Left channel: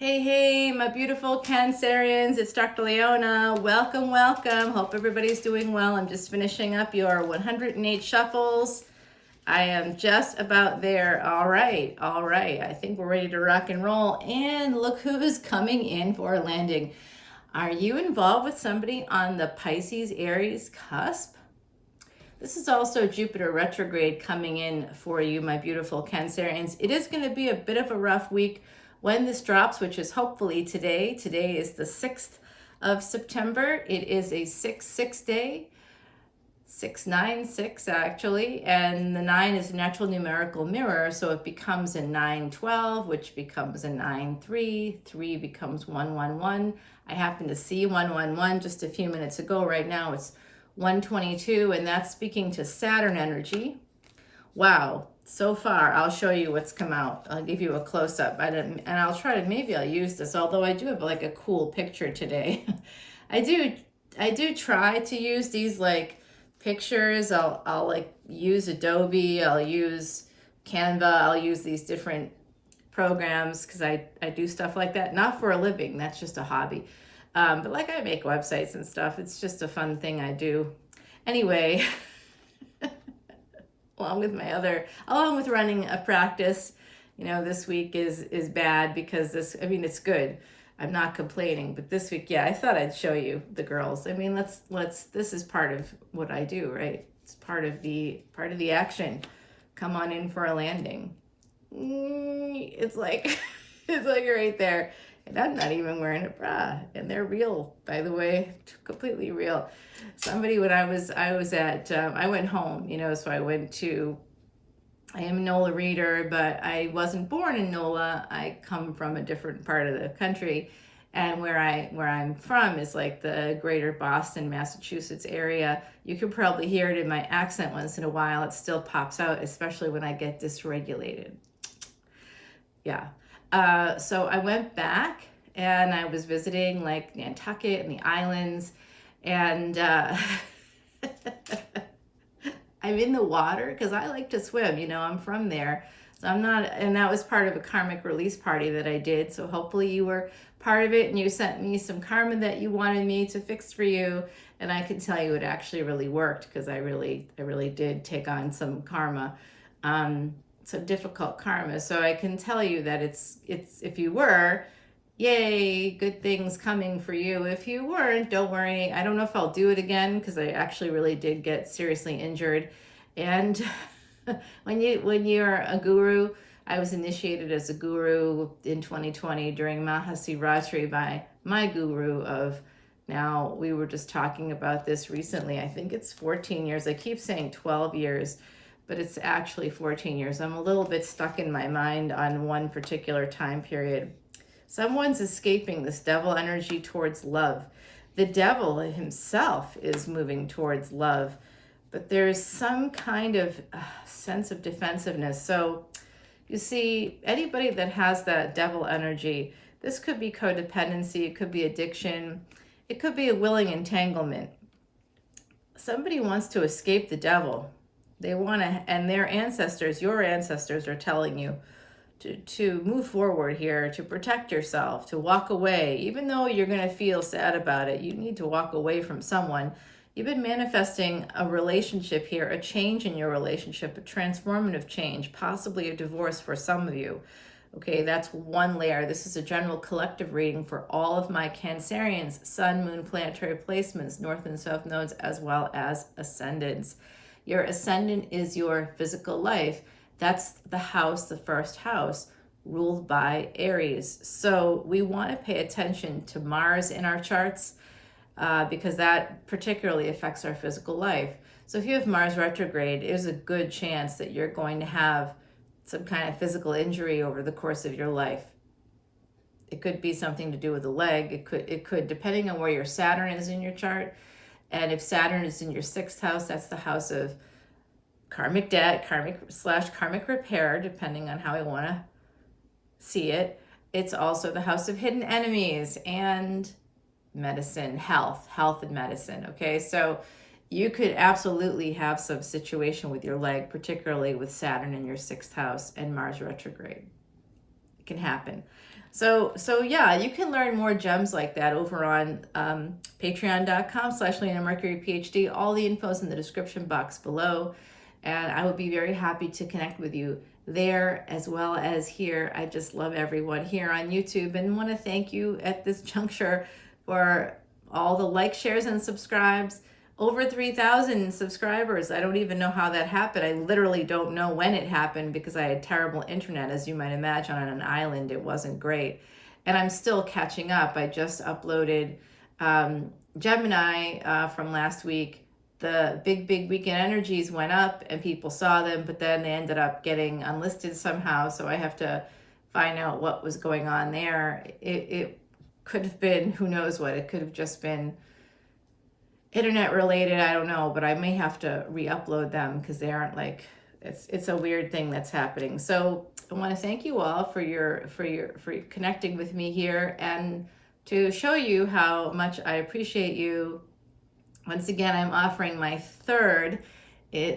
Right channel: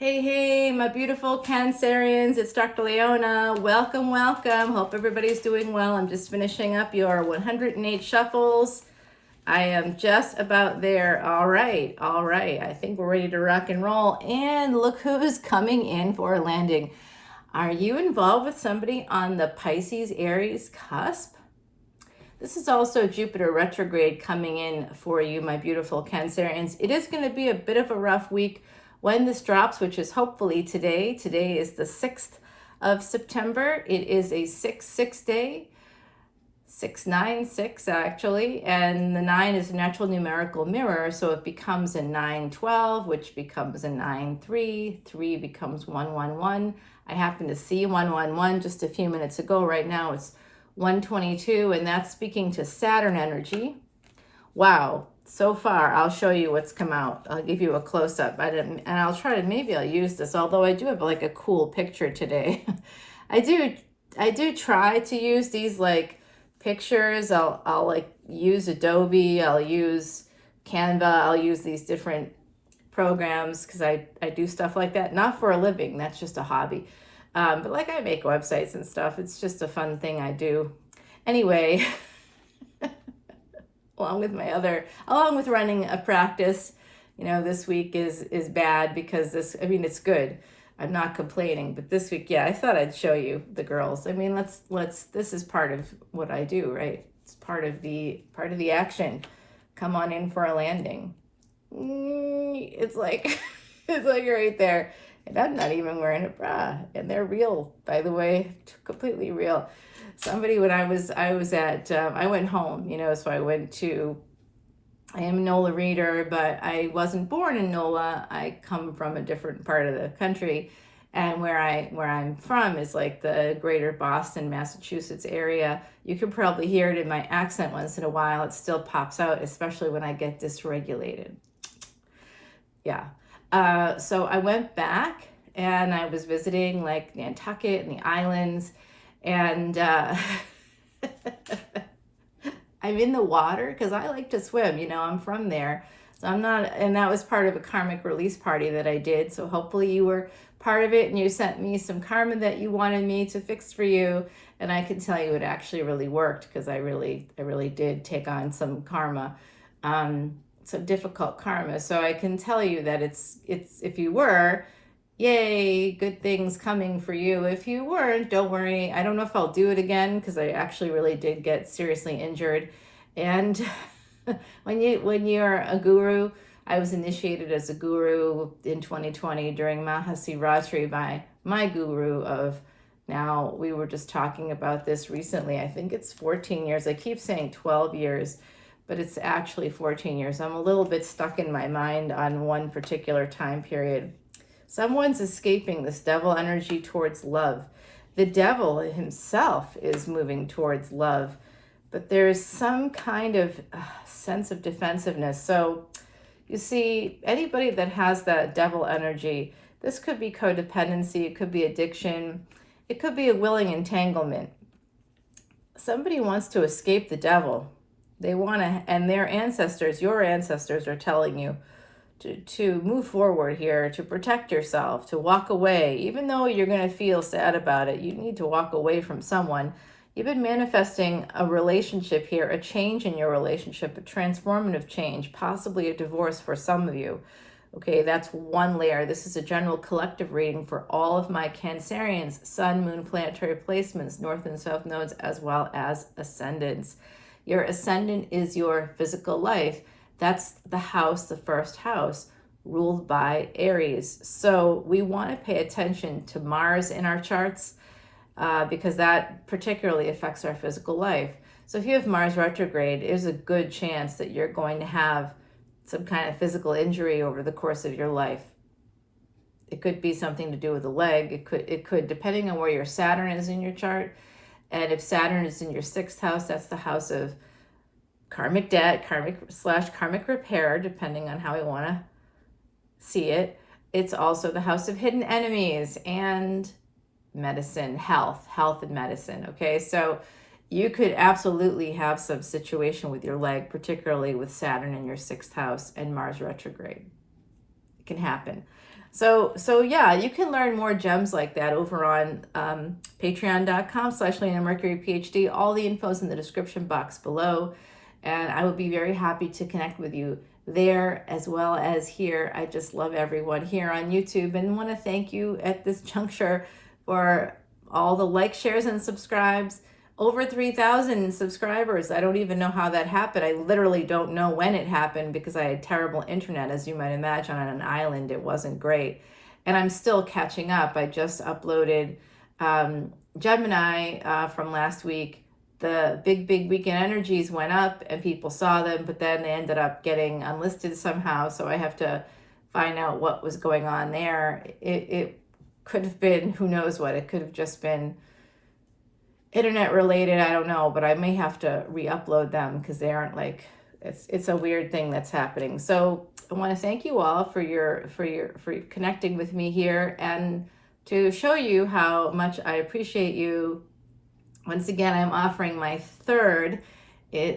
Hey, hey, my beautiful Cancerians, it's Dr. Leona. Welcome, welcome. Hope everybody's doing well. I'm just finishing up your 108 shuffles. I am just about there. All right. I think we're ready to rock and roll. And look who's coming in for a landing. Are you involved with somebody on the Pisces Aries cusp? This is also Jupiter retrograde coming in for you, my beautiful Cancerians. It is going to be a bit of a rough week when this drops, which is hopefully today. Today is the 6th of September. It is a 6-6 day, 6-9-6 actually, and the 9 is a natural numerical mirror, so it becomes a 9-12, which becomes a 9-3, 3 becomes 1-1-1. I happened to see 1-1-1 just a few minutes ago. Right now it's 122, and that's speaking to Saturn energy. Wow, so far I'll show you what's come out. I'll give you a close-up, and I'll try to, maybe I'll use this, although I do have like a cool picture today. I do try to use these like pictures. I'll like use Adobe, I'll use Canva, I'll use these different programs because I do stuff like that, not for a living, that's just a hobby. But like I make websites and stuff. It's just a fun thing I do. Anyway, along with running a practice, this week is bad because it's good. I'm not complaining, but this week, yeah, I thought I'd show you the girls. This is part of what I do, right? It's part of the action. Come on in for a landing. It's like, it's like right there. And I'm not even wearing a bra, and they're real, by the way, completely real. Somebody, when I went home, so I am a NOLA reader, but I wasn't born in NOLA. I come from a different part of the country, and where I'm from is like the greater Boston, Massachusetts area. You can probably hear it in my accent once in a while. It still pops out, especially when I get dysregulated. Yeah. So I went back and I was visiting like Nantucket and the islands, and I'm in the water because I like to swim, I'm from there. So I'm not, and that was part of a karmic release party that I did. So hopefully you were part of it and you sent me some karma that you wanted me to fix for you. And I can tell you it actually really worked because I really did take on some karma. Some difficult karma. So I can tell you that it's if you were, yay, good things coming for you. If you weren't, don't worry. I don't know if I'll do it again because I actually really did get seriously injured. And when you're a guru, I was initiated as a guru in 2020 during Mahasivaratri by my guru of, now we were just talking about this recently. I think it's 14 years. I keep saying 12 years. But it's actually 14 years. I'm a little bit stuck in my mind on one particular time period. Someone's escaping this devil energy towards love. The devil himself is moving towards love, but there's some kind of sense of defensiveness. So you see, anybody that has that devil energy, this could be codependency, it could be addiction, it could be a willing entanglement. Somebody wants to escape the devil. They want to, and their ancestors, your ancestors are telling you to move forward here, to protect yourself, to walk away. Even though you're going to feel sad about it, you need to walk away from someone. You've been manifesting a relationship here, a change in your relationship, a transformative change, possibly a divorce for some of you. Okay, that's one layer. This is a general collective reading for all of my Cancerians, sun, moon, planetary placements, north and south nodes, as well as ascendants. Your ascendant is your physical life. That's the house, the first house, ruled by Aries. So we want to pay attention to Mars in our charts because that particularly affects our physical life. So if you have Mars retrograde, there's a good chance that you're going to have some kind of physical injury over the course of your life. It could be something to do with the leg. It could, depending on where your Saturn is in your chart. And if Saturn is in your 6th house, that's the house of karmic debt, karmic repair, depending on how we want to see it. It's also the house of hidden enemies and medicine, health and medicine. Okay, so you could absolutely have some situation with your leg, particularly with Saturn in your 6th house and Mars retrograde. can happen. So yeah, you can learn more gems like that over on patreon.com/leonamercuryphd. All the info's in the description box below. And I would be very happy to connect with you there as well as here. I just love everyone here on YouTube and want to thank you at this juncture for all the likes, shares, and subscribes. Over 3,000 subscribers. I don't even know how that happened. I literally don't know when it happened because I had terrible internet, as you might imagine, on an island. It wasn't great. And I'm still catching up. I just uploaded Gemini from last week. The big weekend energies went up and people saw them, but then they ended up getting unlisted somehow. So I have to find out what was going on there. It could have been, who knows what, it could have just been internet related, I don't know, but I may have to re-upload them because they aren't like, it's a weird thing that's happening. So I want to thank you all for connecting with me here and to show you how much I appreciate you. Once again, I'm offering my third,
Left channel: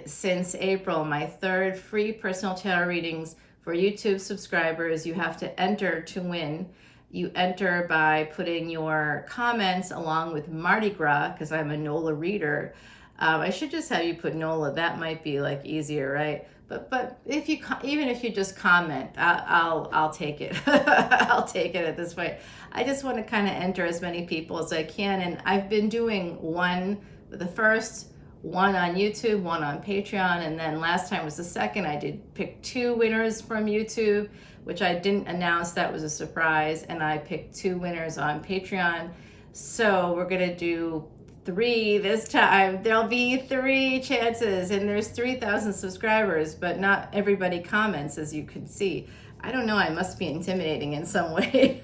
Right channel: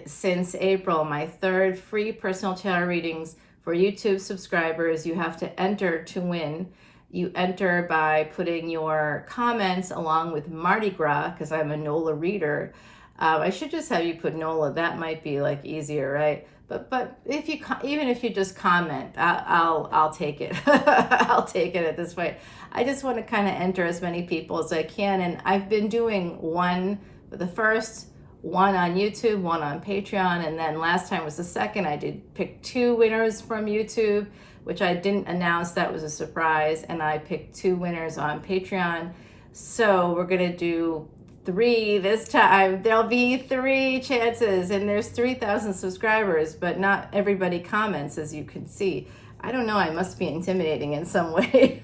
since April, my third free personal tarot readings for YouTube subscribers. You have to enter to win. You enter by putting your comments along with Mardi Gras, because I'm a NOLA reader. I should just have you put NOLA. That might be like easier, right? But if you even if you just comment, I'll take it. I'll take it at this point. I just want to kind of enter as many people as I can, and I've been doing one for the first, one on YouTube, one on Patreon, and then last time was the second. I did pick 2 winners from YouTube, which I didn't announce. That was a surprise, and I picked 2 winners on Patreon. So we're gonna do 3 this time. There'll be 3 chances, and there's 3,000 subscribers, but not everybody comments, as you can see. I don't know, I must be intimidating in some way.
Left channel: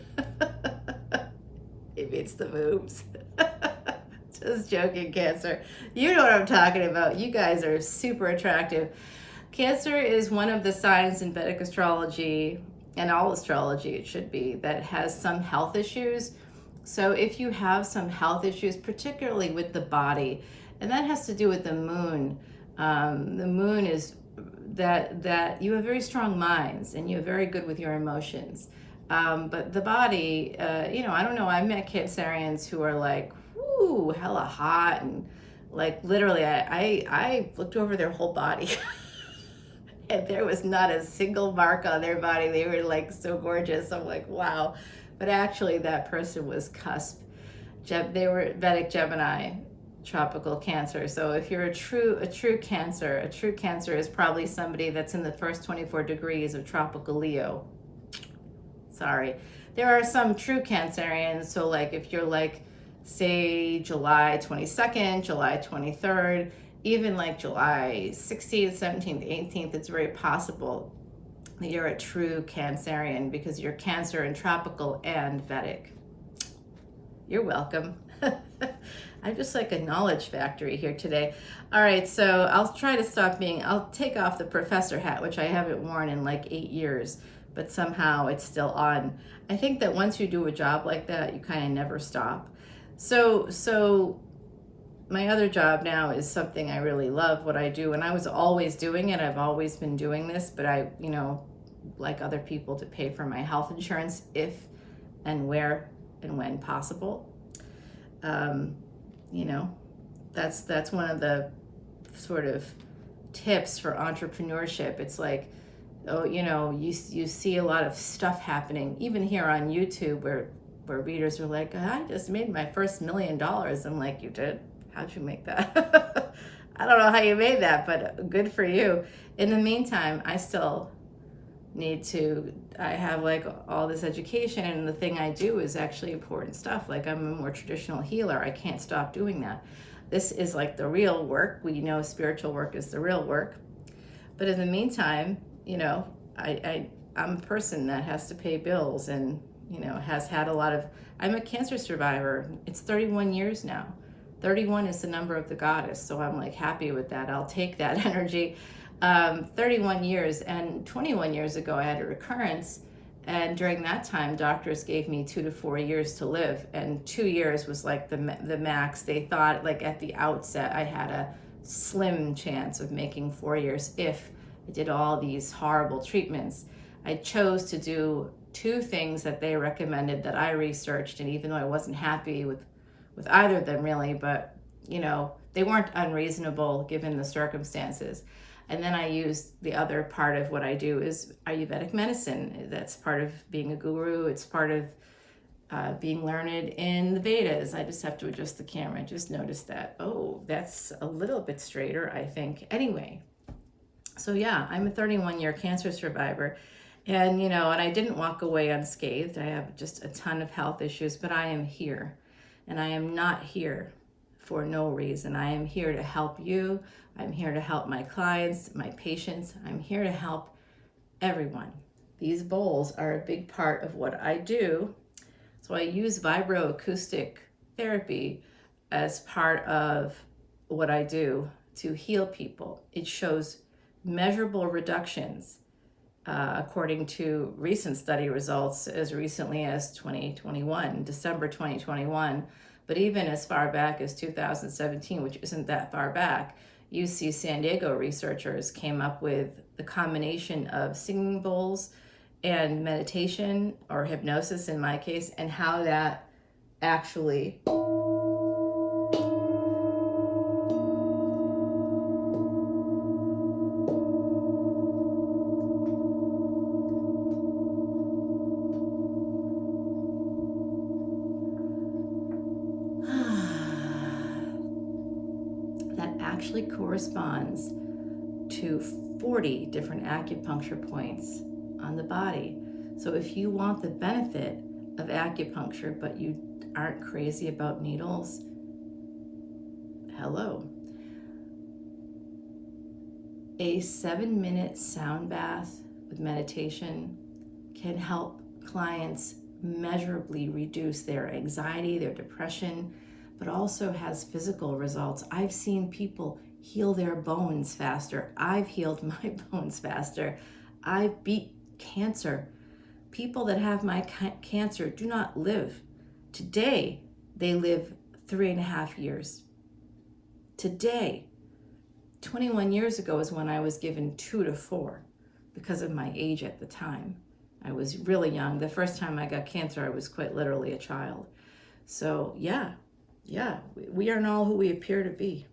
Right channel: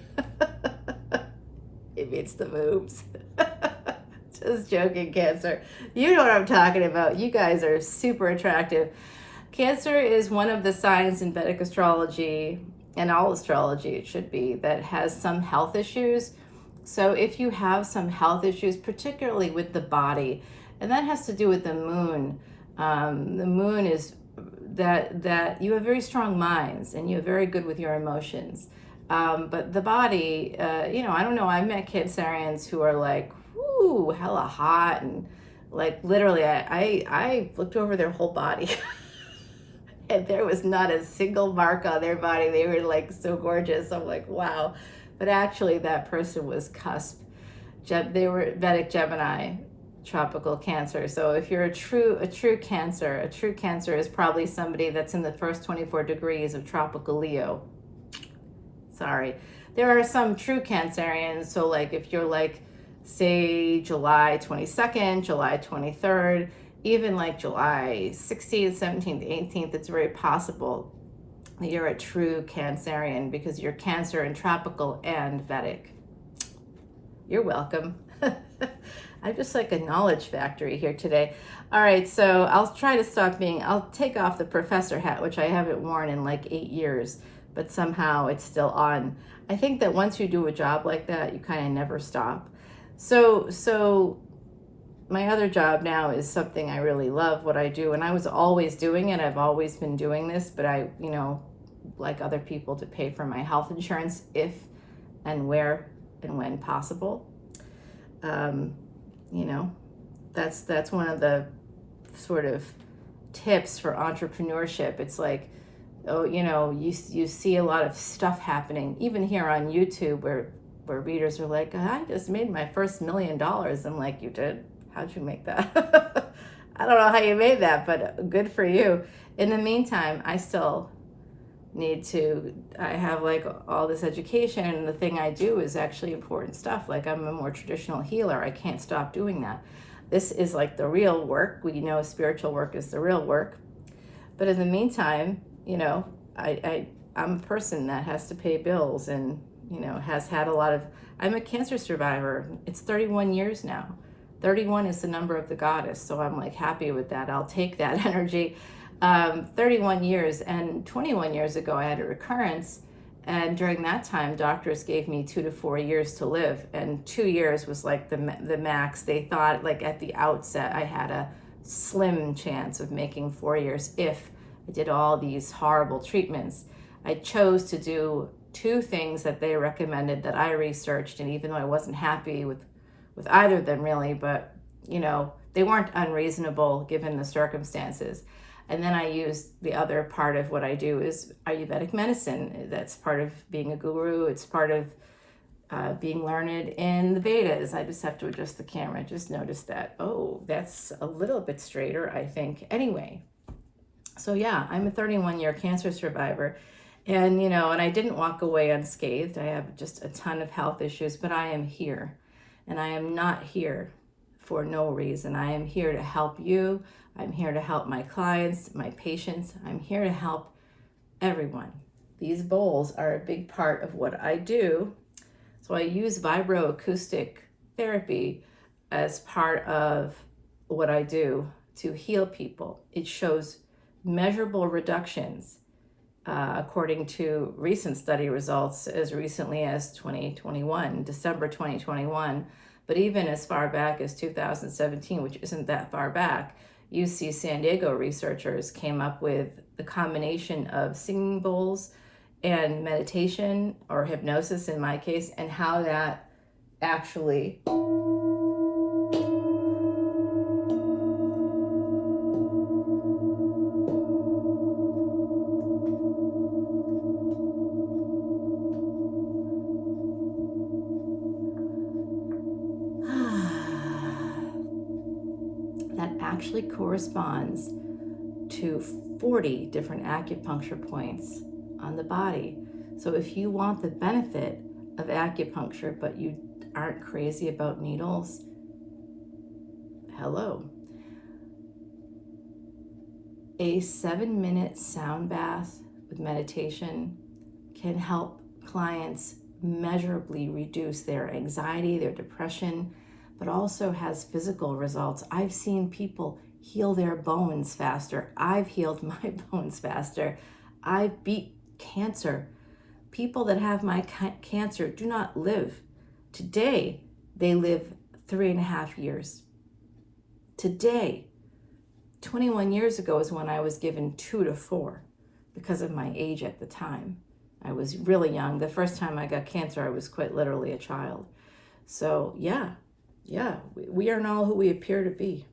Maybe it's the boobs. Just joking, Cancer. You know what I'm talking about. You guys are super attractive. Cancer is one of the signs in Vedic astrology, and all astrology it should be, that has some health issues. So if you have some health issues, particularly with the body, and that has to do with the moon. The moon is that you have very strong minds and you're very good with your emotions. But the body, I don't know, I've met Cancerians who are like, whoo, hella hot, and like literally I looked over their whole body and there was not a single mark on their body. They were like so gorgeous. I'm like, wow. But actually that person was cusp. They were Vedic Gemini, tropical Cancer. So if you're a true Cancer is probably somebody that's in the first 24 degrees of tropical Leo. Sorry. There are some true Cancerians. So like if you're like, say July 22nd, July 23rd, even like July 16th, 17th, 18th, it's very possible that you're a true Cancerian because you're Cancer and tropical and Vedic. You're welcome. I'm just like a knowledge factory here today. All right, so I'll try to stop I'll take off the professor hat, which I haven't worn in like 8 years, but somehow it's still on. I think that once you do a job like that, you kind of never stop. So my other job now is something I really love what I do, and I was always doing it. I've always been doing this, but I, like other people, to pay for my health insurance if and where and when possible. That's one of the sort of tips for entrepreneurship. It's like, you see a lot of stuff happening, even here on YouTube, where readers are like, I just made my first $1 million. I'm like, you did? How'd you make that? I don't know how you made that, but good for you. In the meantime, I still I have like all this education, and the thing I do is actually important stuff. Like I'm a more traditional healer. I can't stop doing that. This is like the real work. We know spiritual work is the real work. But in the meantime, I'm a person that has to pay bills and, has had a lot of, I'm a cancer survivor. It's 31 years now. 31 is the number of the goddess. So I'm like happy with that. I'll take that energy. 31 years, and 21 years ago I had a recurrence, and during that time doctors gave me 2 to 4 years to live, and 2 years was like the max. They thought like at the outset I had a slim chance of making 4 years if I did all these horrible treatments. I chose to do two things that they recommended that I researched, and even though I wasn't happy with either of them really, but you know, they weren't unreasonable given the circumstances. And then I used the other part of what I do is Ayurvedic medicine. That's part of being a guru. It's part of being learned in the Vedas. I just have to adjust the camera. Just noticed that. Oh, that's a little bit straighter, I think. Anyway, so yeah, I'm a 31-year cancer survivor. And, you know, and I didn't walk away unscathed. I have just a ton of health issues, but I am here. And I am not here for no reason. I am here to help you. I'm here to help my clients, my patients. I'm here to help everyone. These bowls are a big part of what I do. So I use vibroacoustic therapy as part of what I do to heal people. It shows measurable reductions according to recent study results as recently as 2021, December 2021, but even as far back as 2017, which isn't that far back, UC San Diego researchers came up with the combination of singing bowls and meditation, or hypnosis in my case, and how that actually corresponds to 40 different acupuncture points on the body. So if you want the benefit of acupuncture, but you aren't crazy about needles, hello. A 7-minute sound bath with meditation can help clients measurably reduce their anxiety, their depression, but also has physical results. I've seen people heal their bones faster. I've healed my bones faster. I've beat cancer. People that have my cancer do not live. Today, they live 3.5 years. Today, 21 years ago is when I was given 2 to 4 because of my age at the time. I was really young. The first time I got cancer, I was quite literally a child. So yeah, we are not who we appear to be.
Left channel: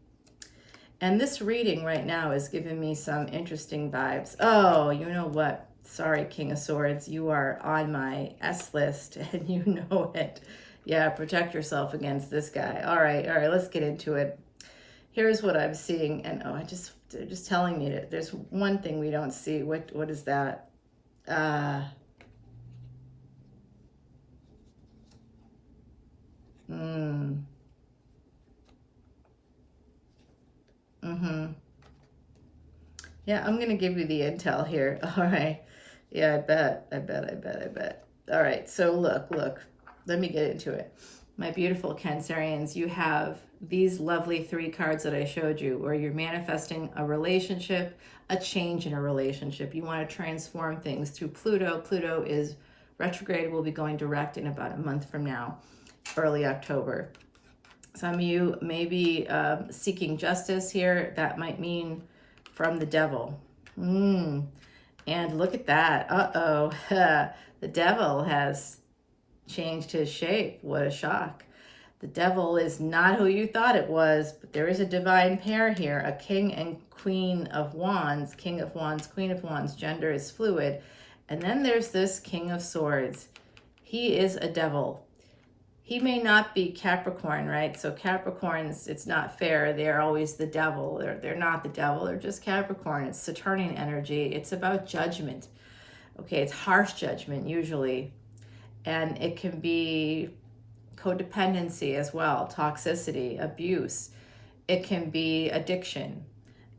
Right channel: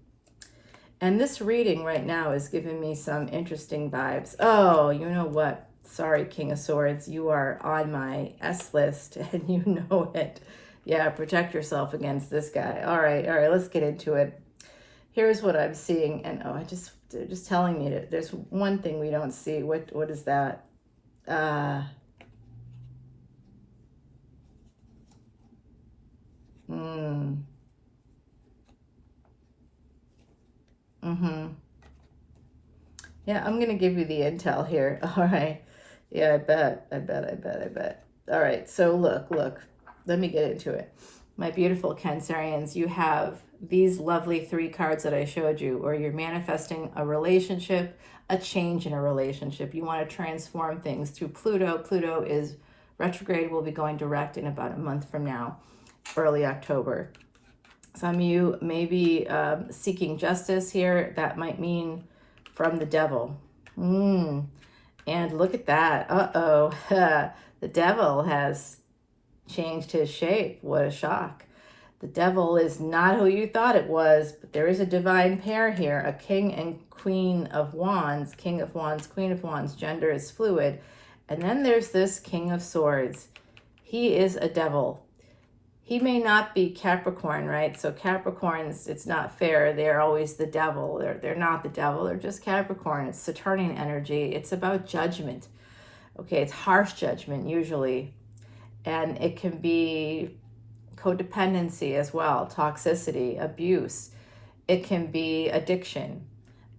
And this reading right now is giving me some interesting vibes. Oh, you know what? Sorry, King of Swords, you are on my S list and you know it. Yeah, protect yourself against this guy. All right, let's get into it. Here's what I'm seeing, and they're just telling me that there's one thing we don't see. What is that? Yeah, I'm gonna give you the intel here. All right. Yeah, I bet. All right, so look. Let me get into it. My beautiful Cancerians, you have these lovely 3 cards that I showed you, where you're manifesting a relationship, a change in a relationship. You want to transform things through Pluto. Pluto is retrograde, will be going direct in about a month from now, early October. Some of you may be seeking justice here. That might mean from the devil. And look at that. Uh-oh. The devil has changed his shape. What a shock. The devil is not who you thought it was, but there is a divine pair here, a king and queen of wands, king of wands, queen of wands, gender is fluid. And then there's this king of swords. He is a devil. He may not be Capricorn, right? So Capricorns, it's not fair. They're always the devil. They're not the devil. They're just Capricorn. It's Saturnian energy. It's about judgment. Okay, it's harsh judgment usually. And it can be codependency as well, toxicity, abuse. It can be addiction.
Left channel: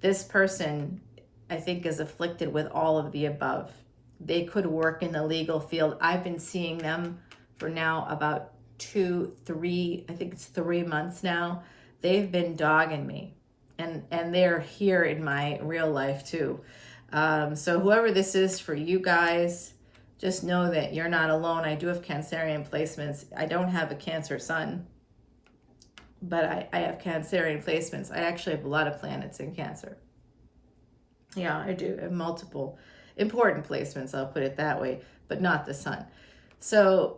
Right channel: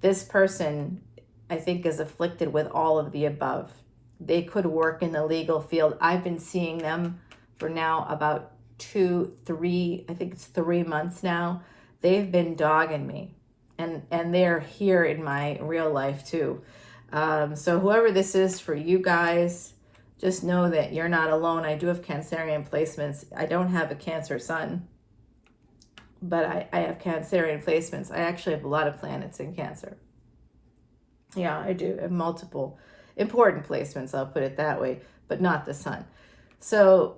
This person, I think, is afflicted with all of the above. They could work in the legal field. I've been seeing them for now about 3 months now. They've been dogging me, and they're here in my real life too. So whoever this is for you guys, just know that you're not alone. I do have Cancerian placements. I don't have a Cancer sun, but I have Cancerian placements. I actually have a lot of planets in Cancer. Yeah, I do have multiple important placements, I'll put it that way. but not the sun. So,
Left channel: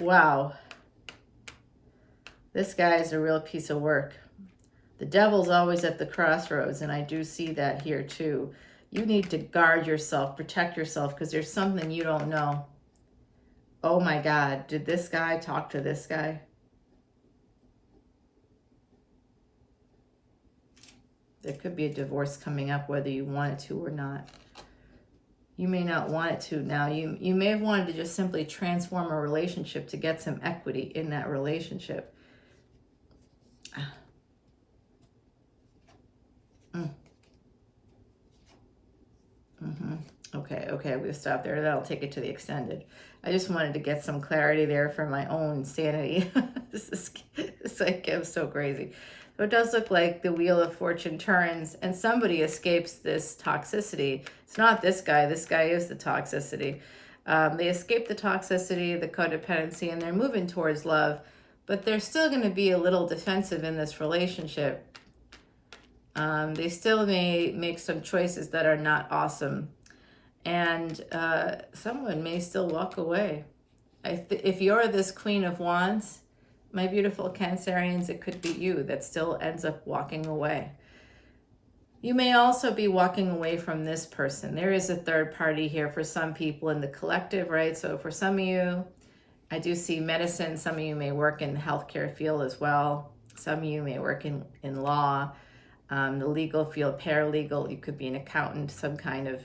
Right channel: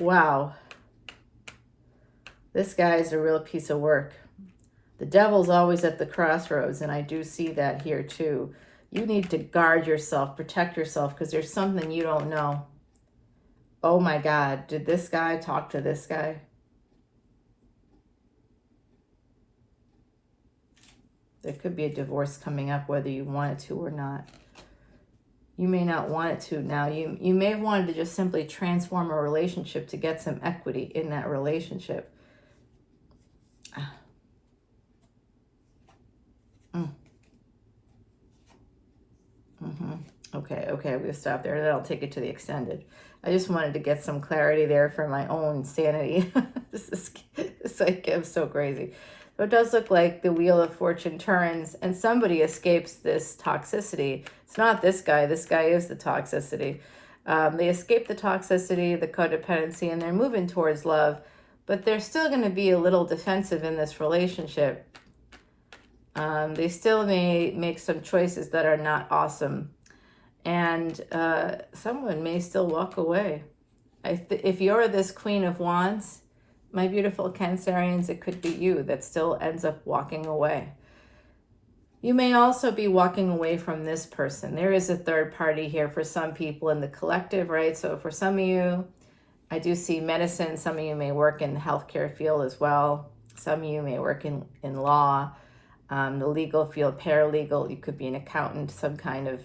wow. This guy is a real piece of work. The devil's always at the crossroads, and I do see that here too. You need to guard yourself, protect yourself, because there's something you don't know. Oh my God, did this guy talk to this guy? There could be a divorce coming up, whether you want it to or not. You may not want it to now. You may have wanted to just simply transform a relationship to get some equity in that relationship. Okay, I'm going to stop there. Then I'll take it to the extended. I just wanted to get some clarity there for my own sanity. This like, I'm so crazy. So it does look like the Wheel of Fortune turns and somebody escapes this toxicity. It's not this guy. This guy is the toxicity. They escape the toxicity, the codependency, and they're moving towards love. But they're still going to be a little defensive in this relationship. They still may make some choices that are not awesome. And someone may still walk away. If you're this Queen of Wands, my beautiful Cancerians, it could be you that still ends up walking away. You may also be walking away from this person. There is a third party here for some people in the collective, right? So for some of you, I do see medicine. Some of you may work in the healthcare field as well. Some of you may work in law, the legal field, paralegal. You could be an accountant, some kind of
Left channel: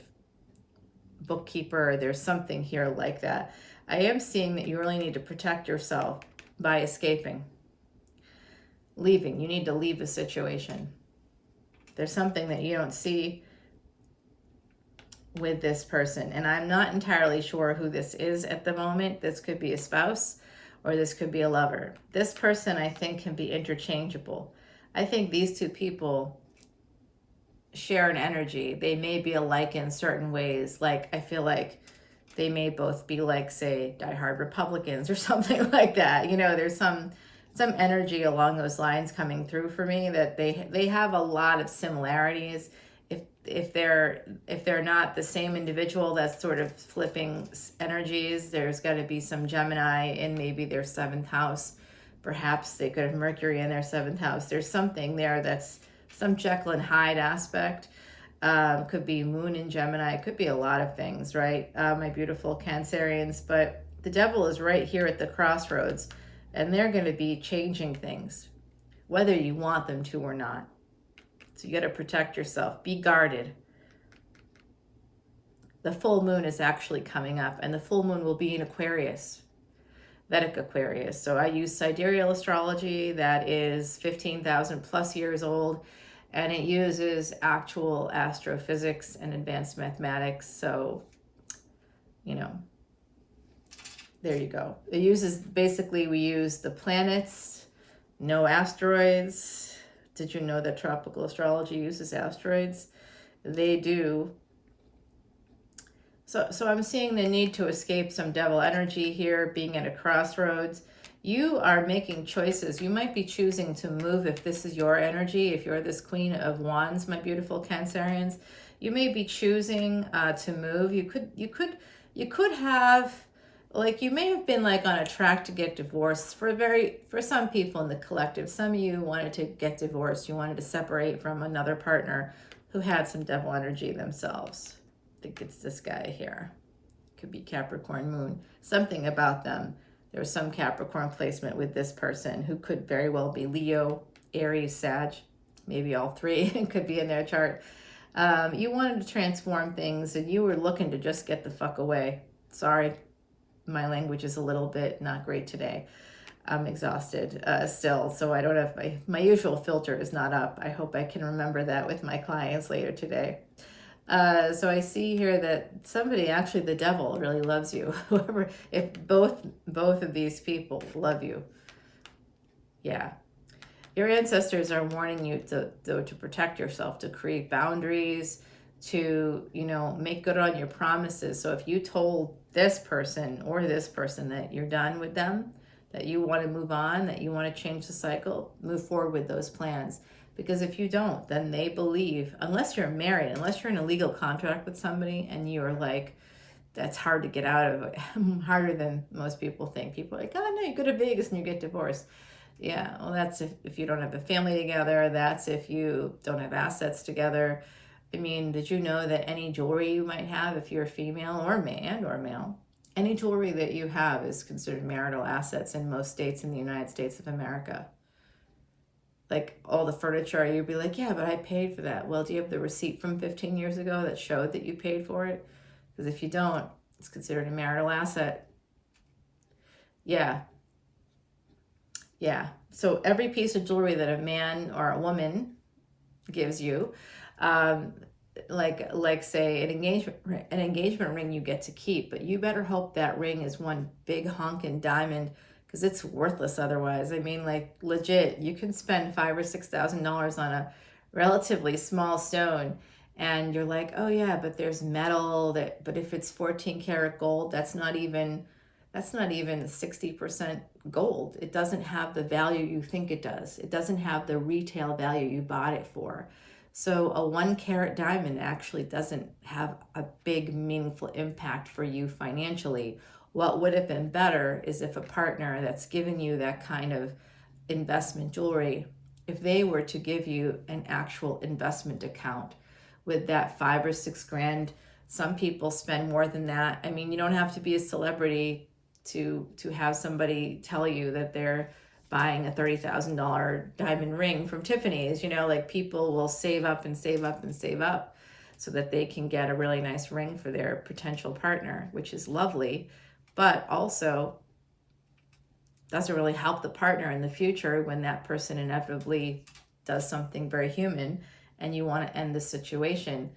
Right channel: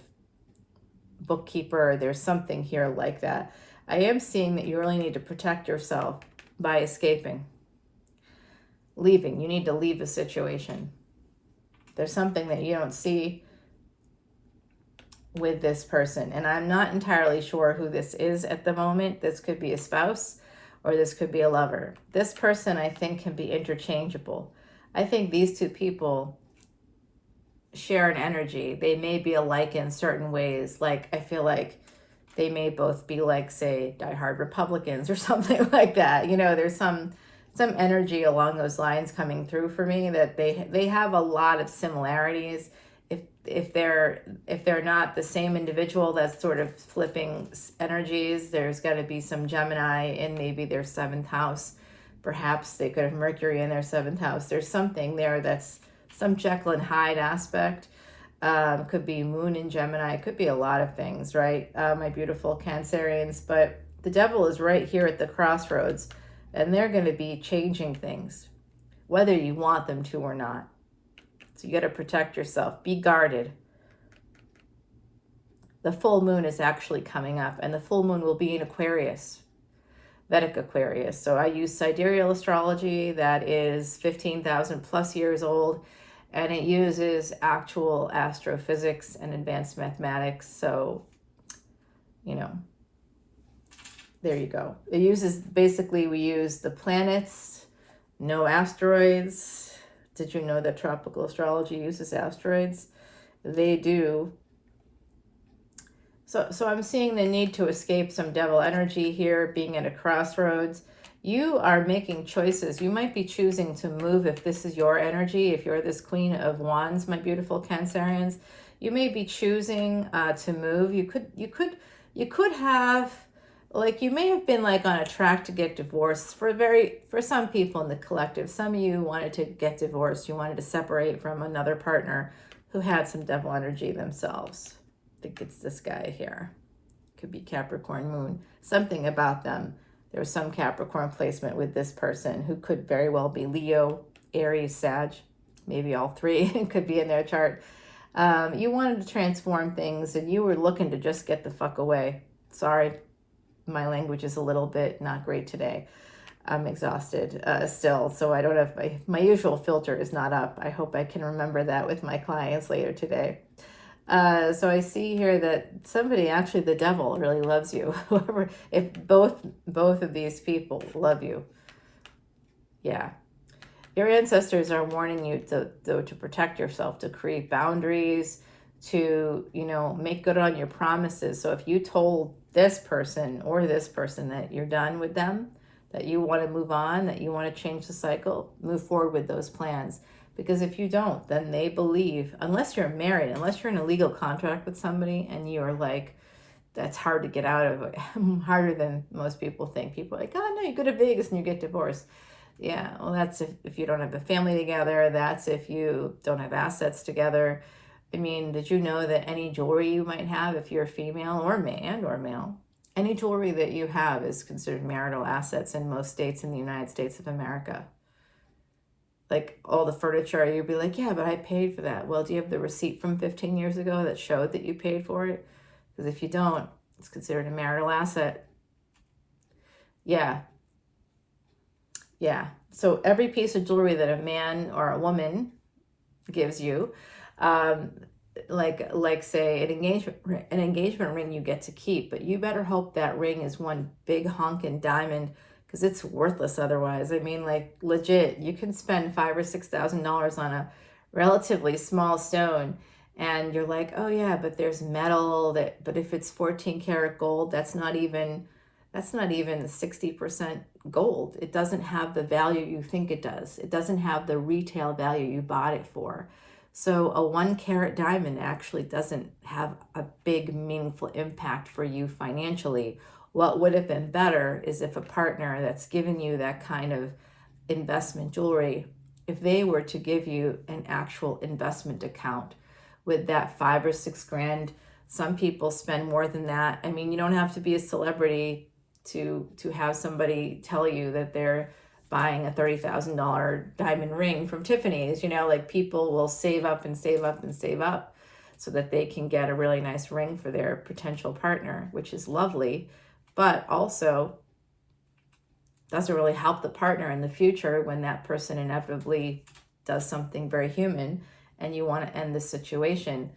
bookkeeper. There's something here like that. I am seeing that you really need to protect yourself by escaping, leaving. You need to leave the situation. There's something that you don't see with this person, and I'm not entirely sure who this is at the moment. This could be a spouse or this could be a lover. This person, I think, can be interchangeable. I think these two people share an energy. They may be alike in certain ways. Like, I feel like they may both be like, say, diehard Republicans or something like that. You know, there's some energy along those lines coming through for me, that they have a lot of similarities. If they're not the same individual that's sort of flipping energies, there's got to be some Gemini in maybe their 7th house. Perhaps they could have Mercury in their 7th house. There's something there that's some Jekyll and Hyde aspect. Could be Moon in Gemini. It could be a lot of things, right? My beautiful Cancerians. But the devil is right here at the crossroads, and they're going to be changing things, whether you want them to or not. So you got to protect yourself. Be guarded. The full moon is actually coming up, and the full moon will be in Aquarius, Vedic Aquarius. So I use sidereal astrology that is 15,000 plus years old. And it uses actual astrophysics and advanced mathematics. So, you know, there you go. It uses, basically, we use the planets, no asteroids. Did you know that tropical astrology uses asteroids? They do. So I'm seeing the need to escape some devil energy here, being at a crossroads. You are making choices. You might be choosing to move if this is your energy. If you're this Queen of Wands, my beautiful Cancerians, you may be choosing to move. You could have, like, you may have been like on a track to get divorced for some people in the collective. Some of you wanted to get divorced. You wanted to separate from another partner who had some devil energy themselves. I think it's this guy here. Could be Capricorn moon. Something about them. There's some Capricorn placement with this person who could very well be Leo, Aries, Sag, maybe all three could be in their chart. You wanted to transform things, and you were looking to just get the fuck away. Sorry, my language is a little bit not great today. I'm exhausted still, so I don't have my usual filter is not up. I hope I can remember that with my clients later today. So I see here that somebody, actually the devil, really loves you. Whoever, if both of these people love you. Yeah. Your ancestors are warning you to protect yourself, to create boundaries, to, you know, make good on your promises. So if you told this person or this person that you're done with them, that you want to move on, that you want to change the cycle, move forward with those plans. Because if you don't, then they believe, unless you're married, unless you're in a legal contract with somebody and you're like, that's hard to get out of, harder than most people think. People are like, oh no, you go to Vegas and you get divorced. Yeah, well, that's if you don't have a family together. That's if you don't have assets together. I mean, did you know that any jewelry you might have, if you're a female or male, any jewelry that you have is considered marital assets in most states in the United States of America? Like all the furniture, you'd be like, yeah, but I paid for that. Well, do you have the receipt from 15 years ago that showed that you paid for it? Because if you don't, it's considered a marital asset. Yeah. Yeah. So every piece of jewelry that a man or a woman gives you, like say an engagement ring you get to keep, but you better hope that ring is one big honkin' diamond, because it's worthless otherwise. I mean, like legit, you can spend $5,000 or $6,000 on a relatively small stone, and you're like, oh yeah, but there's metal that. But if it's 14 karat gold, that's not even 60% gold. It doesn't have the value you think it does. It doesn't have the retail value you bought it for. So a 1 carat diamond actually doesn't have a big meaningful impact for you financially. What would have been better is if a partner that's given you that kind of investment jewelry, if they were to give you an actual investment account with that 5 or 6 grand. Some people spend more than that. I mean, you don't have to be a celebrity to have somebody tell you that they're buying a $30,000 diamond ring from Tiffany's. You know, like people will save up and save up and save up so that they can get a really nice ring for their potential partner, which is lovely, but also doesn't really help the partner in the future when that person inevitably does something very human and you want to end the situation.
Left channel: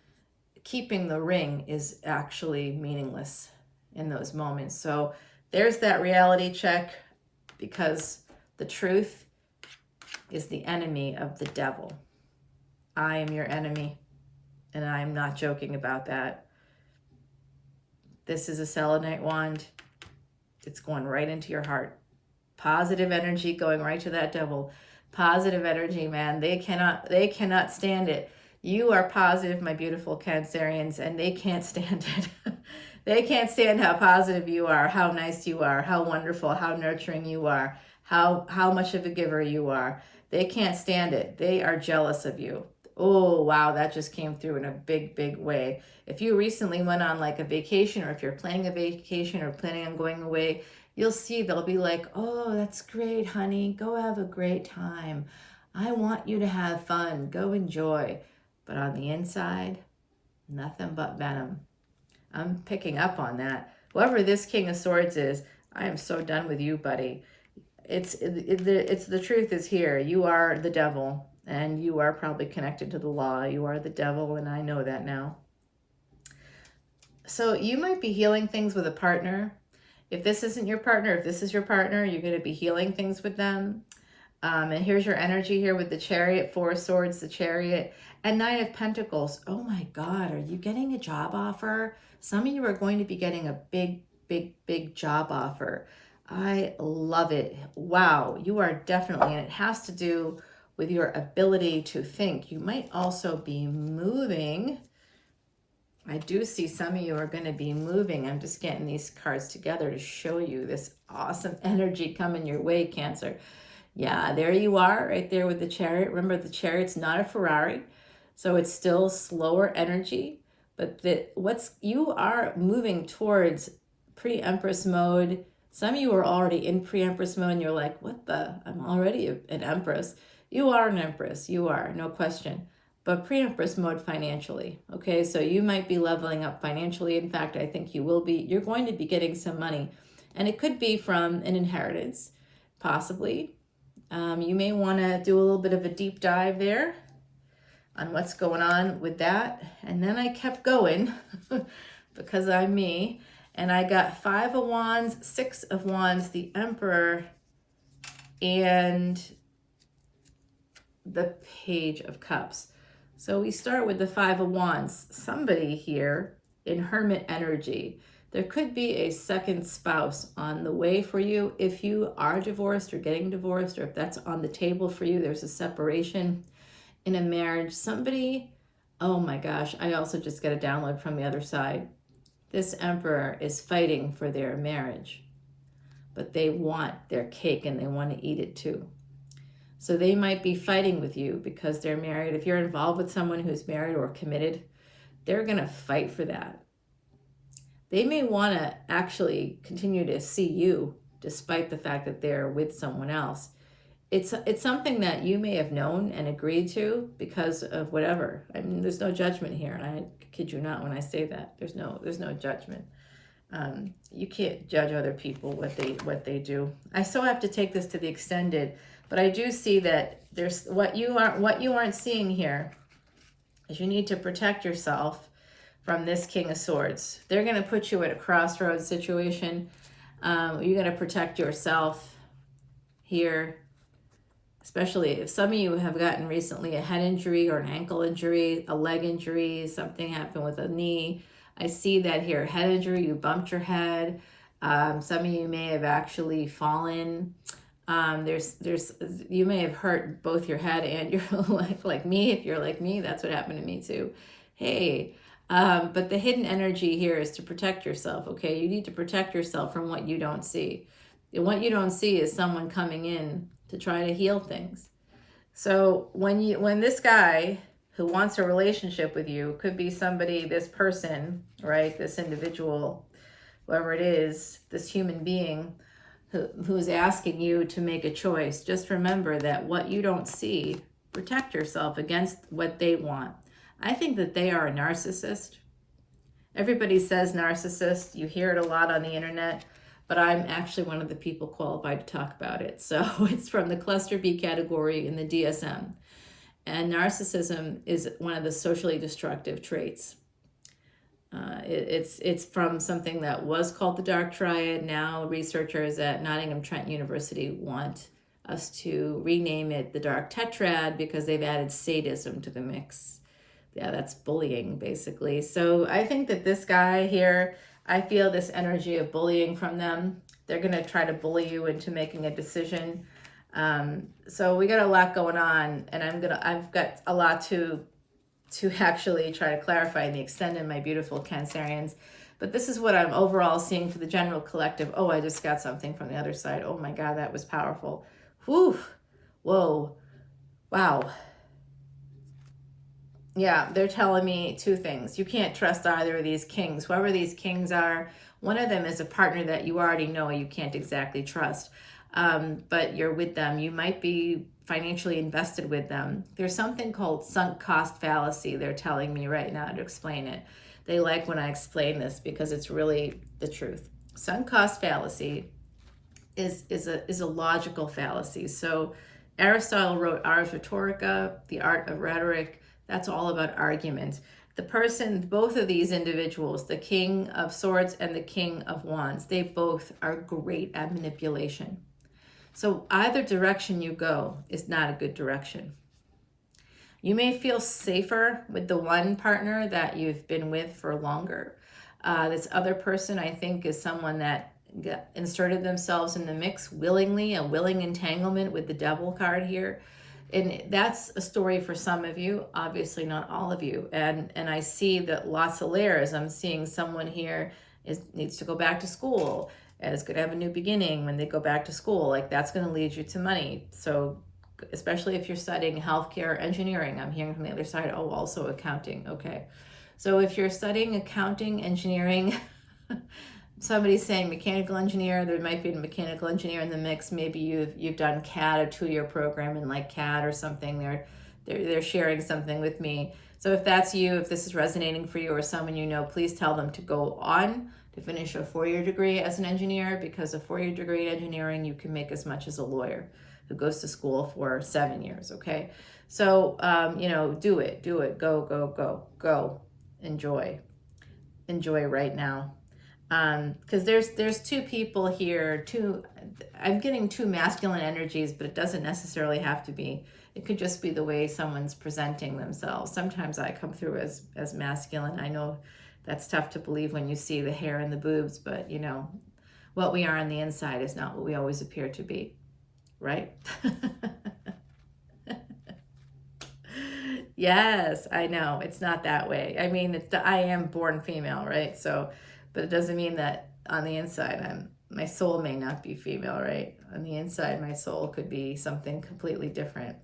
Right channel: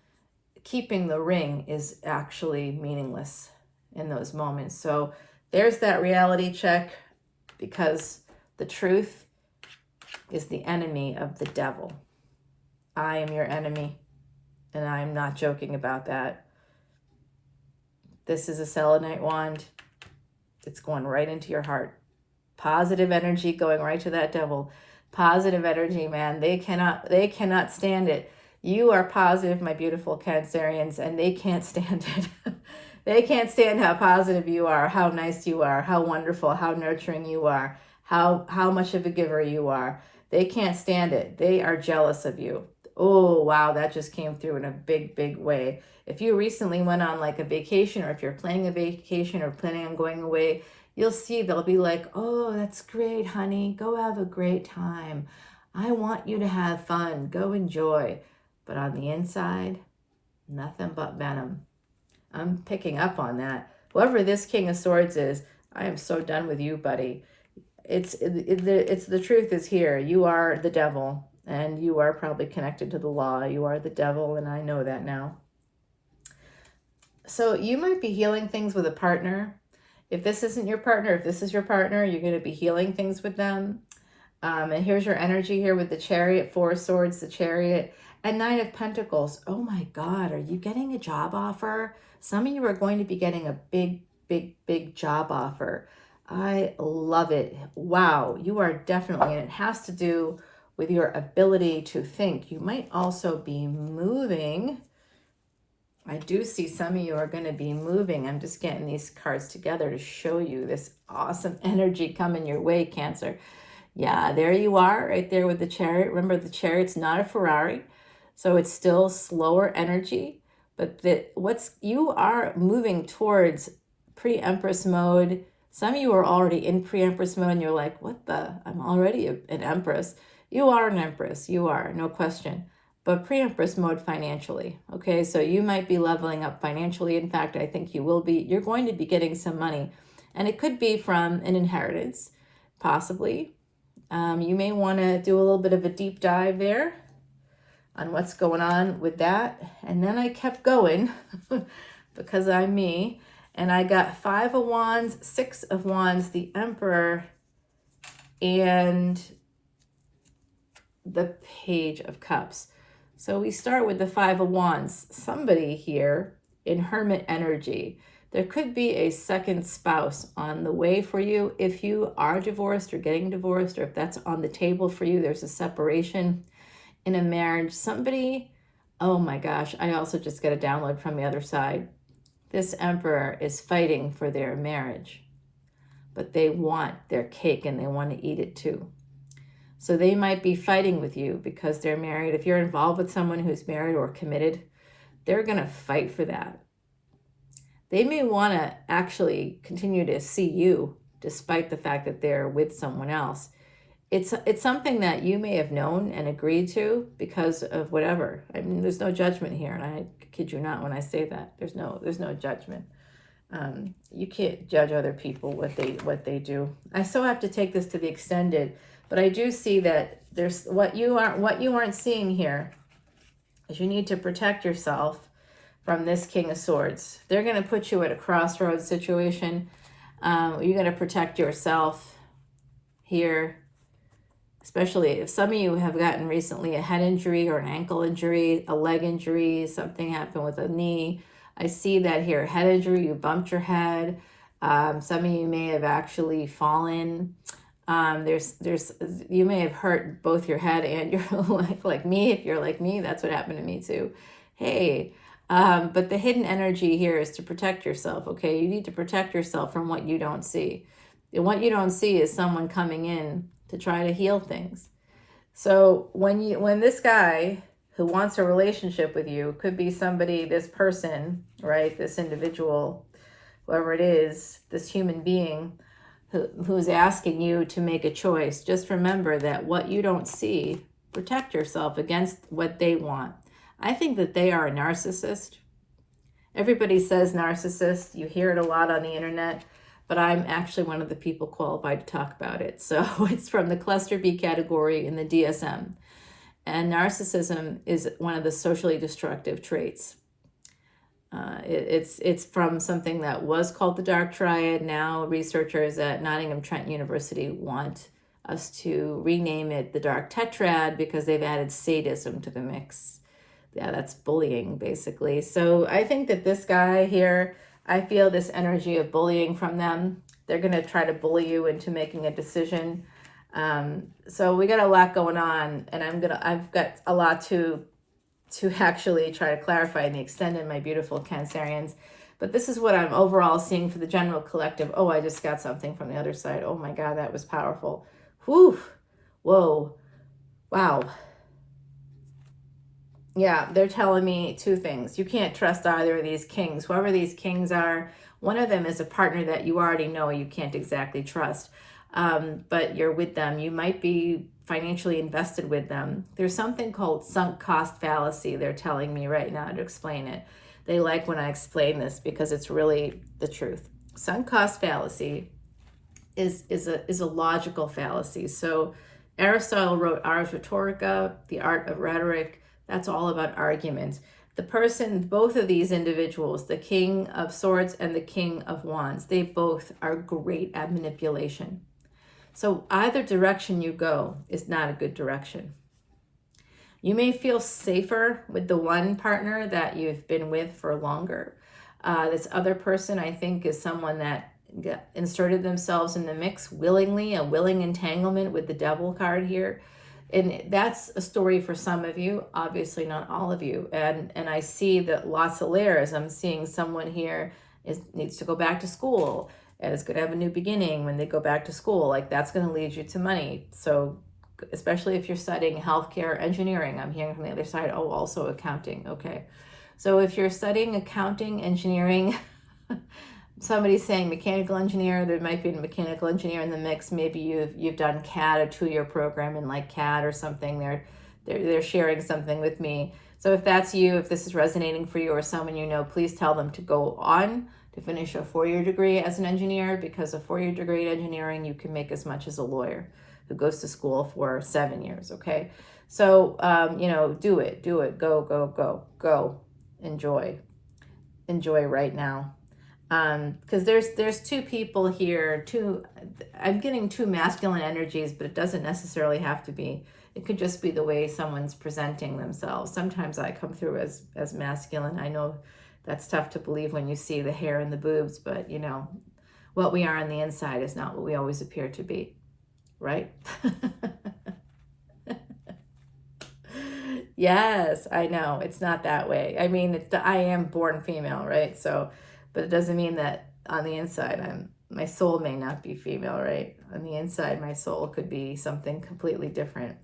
Keeping the ring is actually meaningless in those moments. So there's that reality check, because the truth is the enemy of the devil. I am your enemy, and I am not joking about that. This is a selenite wand. It's going right into your heart. Positive energy going right to that devil. Positive energy, man. They cannot stand it. You are positive, my beautiful Cancerians, and they can't stand it. They can't stand how positive you are, how nice you are, how wonderful, how nurturing you are, how much of a giver you are. They can't stand it. They are jealous of you. Oh, wow, that just came through in a big, big way. If you recently went on like a vacation, or if you're planning a vacation or planning on going away, you'll see they'll be like, oh, that's great, honey. Go have a great time. I want you to have fun. Go enjoy. But on the inside, nothing but venom. I'm picking up on that. Whoever this King of Swords is, I am so done with you, buddy. It's the truth is here. You are the devil, and you are probably connected to the law. You are the devil, and I know that now. So you might be healing things with a partner. If this isn't your partner, if this is your partner, you're going to be healing things with them. And here's your energy here with the Chariot, 4 of Swords, the Chariot, and 9 of Pentacles. Oh my God, are you getting a job offer? Some of you are going to be getting a big, big, big job offer. I love it. Wow, you are definitely, and it has to do with your ability to think. You might also be moving. I do see some of you are going to be moving. I'm just getting these cards together to show you this awesome energy coming your way, Cancer. Yeah, there you are, right there with the Chariot. Remember, the Chariot's not a Ferrari, so it's still slower energy. But you are moving towards pre-Empress mode. Some of you are already in pre-Empress mode, and you're like, what the? I'm already an Empress. You are an Empress. You are, no question. But pre-Empress mode financially, okay? So you might be leveling up financially. In fact, I think you will be. You're going to be getting some money. And it could be from an inheritance, possibly. You may want to do a little bit of a deep dive there on what's going on with that. And then I kept going because I'm me. And I got 5 of Wands, 6 of Wands, the Emperor, and the Page of Cups. So we start with the 5 of Wands. Somebody here in Hermit energy. There could be a second spouse on the way for you. If you are divorced or getting divorced, or if that's on the table for you, there's a separation in a marriage. Somebody, oh my gosh, I also just got a download from the other side. This emperor is fighting for their marriage, but they want their cake and they want to eat it too. So they might be fighting with you because they're married. If you're involved with someone who's married or committed, they're going to fight for that. They may want to actually continue to see you despite the fact that they're with someone else. It's something that you may have known and agreed to because of whatever. I mean, there's no judgment here, and I kid you not when I say that. There's no judgment. You can't judge other people what they do. I still have to take this to the extended, but I do see that there's what you aren't seeing here is you need to protect yourself from this King of Swords. They're going to put you at a crossroads situation. You're going to protect yourself here, especially if some of you have gotten recently a head injury or an ankle injury, a leg injury, something happened with a knee. I see that here, head injury, you bumped your head. Some of you may have actually fallen. You may have hurt both your head and your leg, like me. If you're like me, that's what happened to me too. Hey, but the hidden energy here is to protect yourself, okay? You need to protect yourself from what you don't see. And what you don't see is someone coming in to try to heal things. So when this guy who wants a relationship with you, could be somebody, this person, right? This individual, whoever it is, this human being who's asking you to make a choice, just remember that what you don't see, protect yourself against what they want. I think that they are a narcissist. Everybody says narcissist. You hear it a lot on the internet, but I'm actually one of the people qualified to talk about it. So it's from the cluster B category in the DSM. And narcissism is one of the socially destructive traits. It's from something that was called the dark triad. Now researchers at Nottingham Trent University want us to rename it the dark tetrad because they've added sadism to the mix. Yeah, that's bullying basically. So I think that this guy here, I feel this energy of bullying from them. They're going to try to bully you into making a decision. So we got a lot going on, and I've got a lot to actually try to clarify and extend in my beautiful Cancerians. But this is what I'm overall seeing for the general collective. Oh, I just got something from the other side. Oh my God, that was powerful. Whew. Whoa. Wow. Yeah, they're telling me two things. You can't trust either of these kings. Whoever these kings are, one of them is a partner that you already know you can't exactly trust. But you're with them. You might be financially invested with them. There's something called sunk cost fallacy. They're telling me right now to explain it. They like when I explain this because it's really the truth. Sunk cost fallacy is a logical fallacy. So Aristotle wrote Ars Rhetorica, the art of rhetoric. That's all about argument. The person, both of these individuals, the King of Swords and the King of Wands, they both are great at manipulation. So either direction you go is not a good direction. You may feel safer with the one partner that you've been with for longer. This other person, I think, is someone that inserted themselves in the mix willingly, a willing entanglement with the Devil card here. And that's a story for some of you, obviously not all of you. And I see that lots of layers. I'm seeing someone here needs to go back to school and is going to have a new beginning when they go back to school. Like that's going to lead you to money. So especially if you're studying healthcare, engineering, I'm hearing from the other side, oh, also accounting. Okay. So if you're studying accounting, engineering, somebody's saying mechanical engineer, there might be a mechanical engineer in the mix. Maybe you've done CAD, a 2-year program in like CAD or something. They're sharing something with me. So if that's you, if this is resonating for you or someone you know, please tell them to go on to finish a 4-year degree as an engineer, because a 4-year degree in engineering, you can make as much as a lawyer who goes to school for 7 years, okay? So, do it, go, enjoy right now. Because there's two people here, I'm getting two masculine energies, but it doesn't necessarily have to be. It could just be the way someone's presenting themselves. Sometimes I come through as masculine. I know that's tough to believe when you see the hair and the boobs, but what we are on the inside is not what we always appear to be, right? Yes, I know. It's not that way. I mean, I am born female, right? So, But it doesn't mean that on the inside, my soul may not be female, right? On the inside, my soul could be something completely different.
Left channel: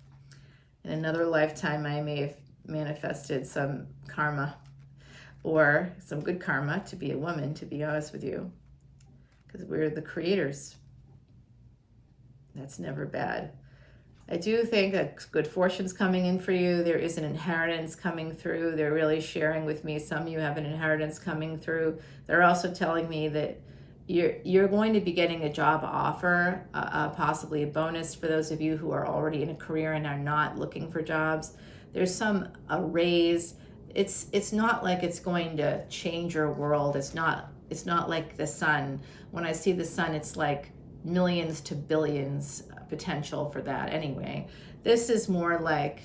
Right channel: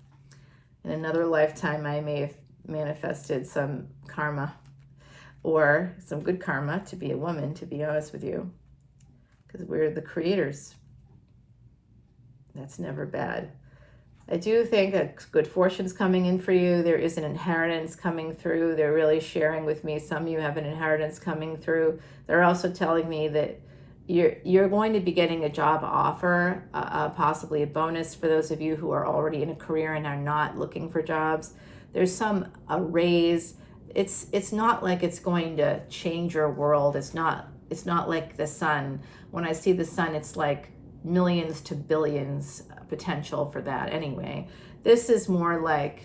In another lifetime, I may have manifested some karma, or some good karma to be a woman, to be honest with you, because we're the creators. That's never bad. I do think that good fortune's coming in for you. There is an inheritance coming through. They're really sharing with me. Some of you have an inheritance coming through. They're also telling me that you're going to be getting a job offer, possibly a bonus for those of you who are already in a career and are not looking for jobs. There's a raise. It's not like it's going to change your world. It's not like the sun. When I see the sun, it's like millions to billions potential for that anyway. This is more like,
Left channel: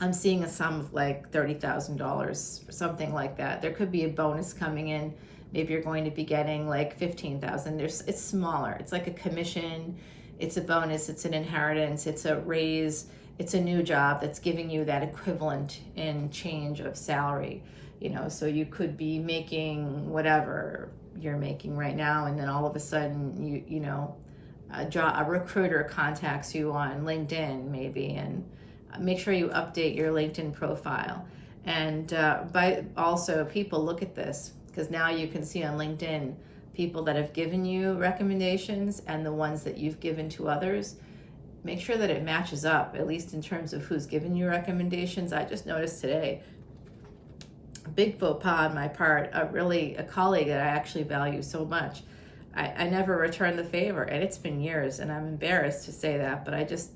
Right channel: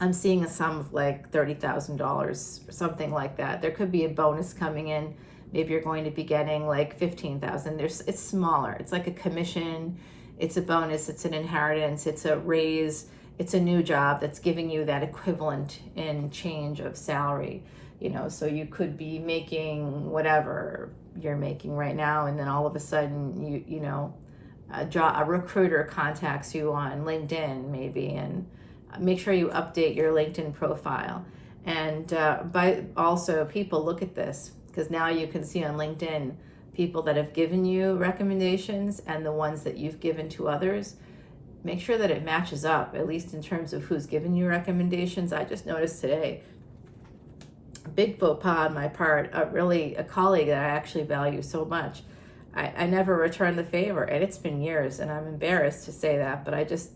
I'm seeing a sum of like $30,000 or something like that. There could be a bonus coming in. Maybe you're going to be getting like 15,000. It's smaller. It's like a commission. It's a bonus. It's an inheritance. It's a raise. It's a new job that's giving you that equivalent in change of salary. So you could be making whatever you're making right now, and then all of a sudden a recruiter contacts you on LinkedIn maybe, and make sure you update your LinkedIn profile. And also people look at this, because now you can see on LinkedIn people that have given you recommendations and the ones that you've given to others. Make sure that it matches up, at least in terms of who's given you recommendations. I just noticed today, big faux pas on my part, a colleague that I actually value so much. I never returned the favor, and it's been years, and I'm embarrassed to say that, but I just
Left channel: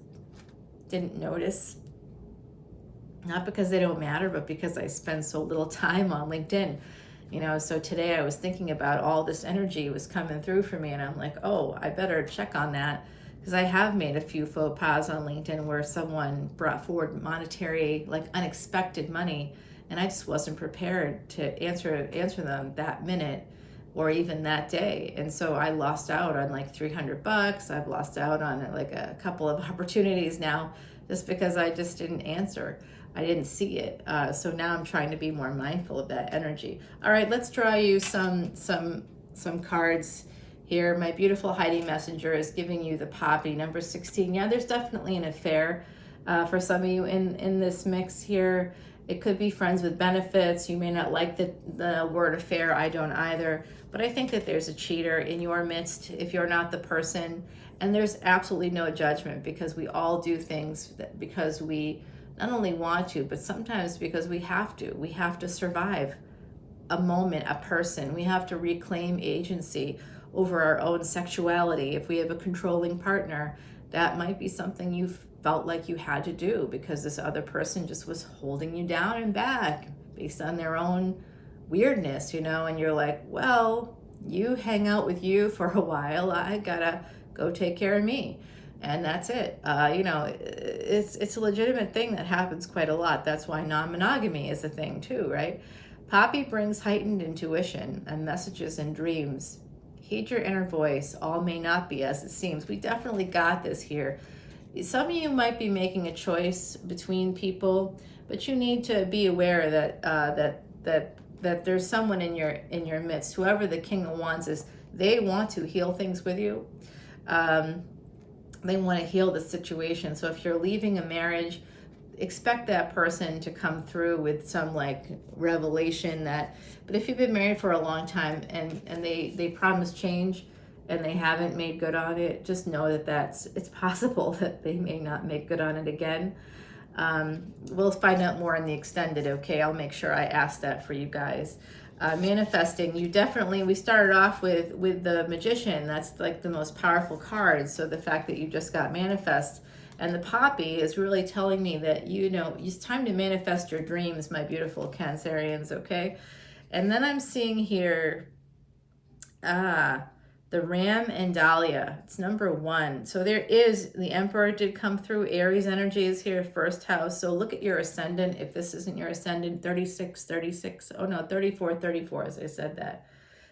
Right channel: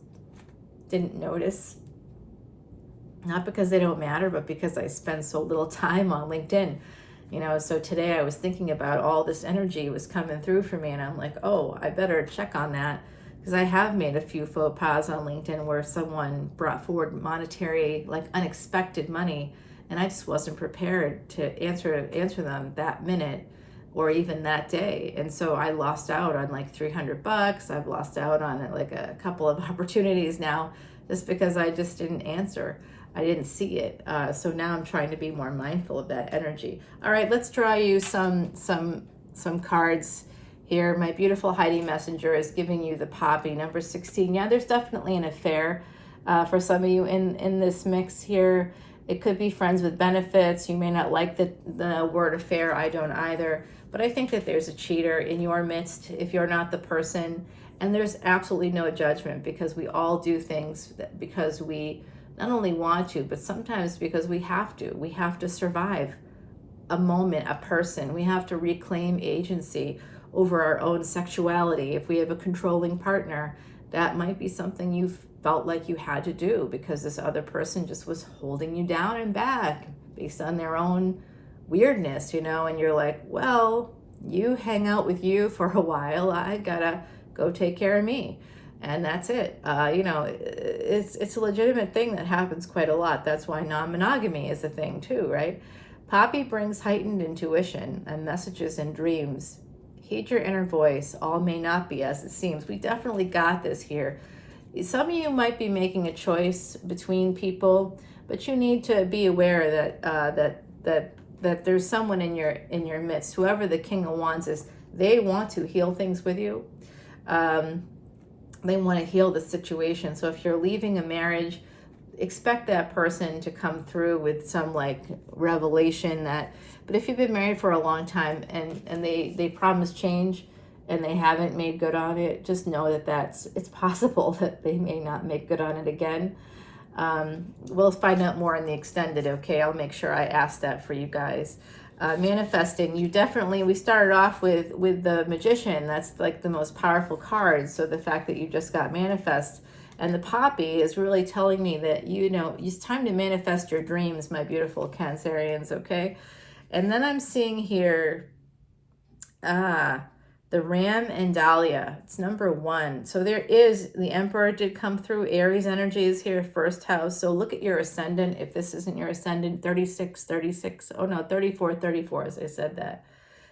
didn't notice. Not because they don't matter, but because I spend so little time on LinkedIn. So today I was thinking about all this energy was coming through for me, and I'm like, oh, I better check on that, because I have made a few faux pas on LinkedIn where someone brought forward monetary, like unexpected money, and I just wasn't prepared to answer them that minute or even that day. And so I lost out on like $300. I've lost out on like a couple of opportunities now just because I just didn't answer. I didn't see it. So now I'm trying to be more mindful of that energy. All right, let's draw you some cards here. My beautiful Heidi Messenger is giving you the poppy, number 16. Yeah, there's definitely an affair for some of you in this mix here. It could be friends with benefits. You may not like the word affair. I don't either. But I think that there's a cheater in your midst if you're not the person. And there's absolutely no judgment, because we all do things because we not only want to, but sometimes because we have to. We have to survive a moment, a person. We have to reclaim agency over our own sexuality. If we have a controlling partner, that might be something you felt like you had to do because this other person just was holding you down and back based on their own weirdness, and you're like, well, you hang out with you for a while, I gotta go take care of me, and that's it. It's a legitimate thing that happens quite a lot. That's why non-monogamy is a thing too, right? Poppy brings heightened intuition and messages in dreams. Heed your inner voice. All may not be as it seems. We definitely got this here. Some of you might be making a choice between people, but you need to be aware that there's someone in your midst. Whoever the King of Wands is, they want to heal things with you. They want to heal the situation. So if you're leaving a marriage, expect that person to come through with some like revelation but if you've been married for a long time and they promise change and they haven't made good on it, just know that it's possible that they may not make good on it again. We'll find out more in the extended, okay? I'll make sure I ask that for you guys. Manifesting, we started off with the Magician. That's like the most powerful card. So the fact that you just got manifest, and the poppy is really telling me that, it's time to manifest your dreams, my beautiful Cancerians, okay? And then I'm seeing here, the Ram and Dahlia. It's number 1. So the Emperor did come through. Aries energy is here, first house. So look at your ascendant. If this isn't your ascendant, 36. Oh no, 34, as I said that.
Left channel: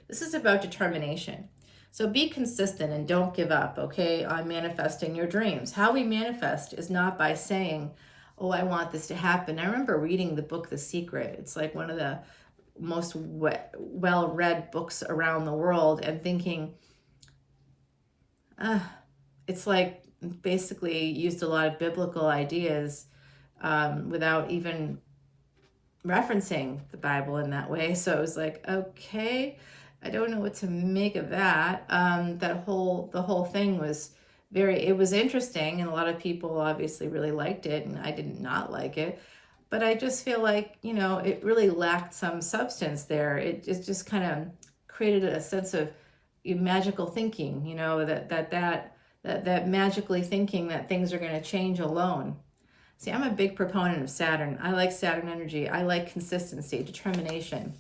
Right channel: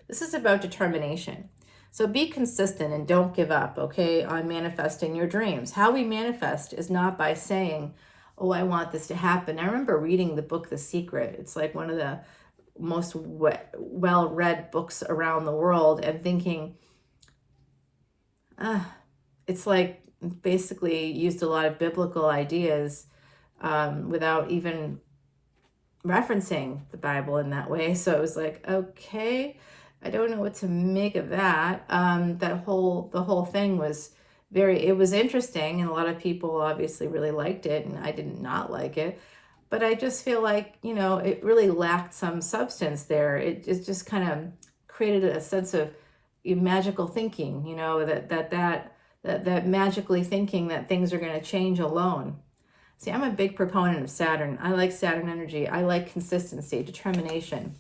This is about determination. So be consistent and don't give up, okay, on manifesting your dreams. How we manifest is not by saying, oh, I want this to happen. I remember reading the book, The Secret. It's like one of the most well-read books around the world and thinking, it's like basically used a lot of biblical ideas without even referencing the Bible in that way. So it was like, okay, I don't know what to make of that. The whole thing was it was interesting, and a lot of people obviously really liked it, and I did not like it. But I just feel like, it really lacked some substance there. It just kind of created a sense of magical thinking, that magically thinking that things are going to change alone. See, I'm a big proponent of Saturn. I like Saturn energy. I like consistency, determination.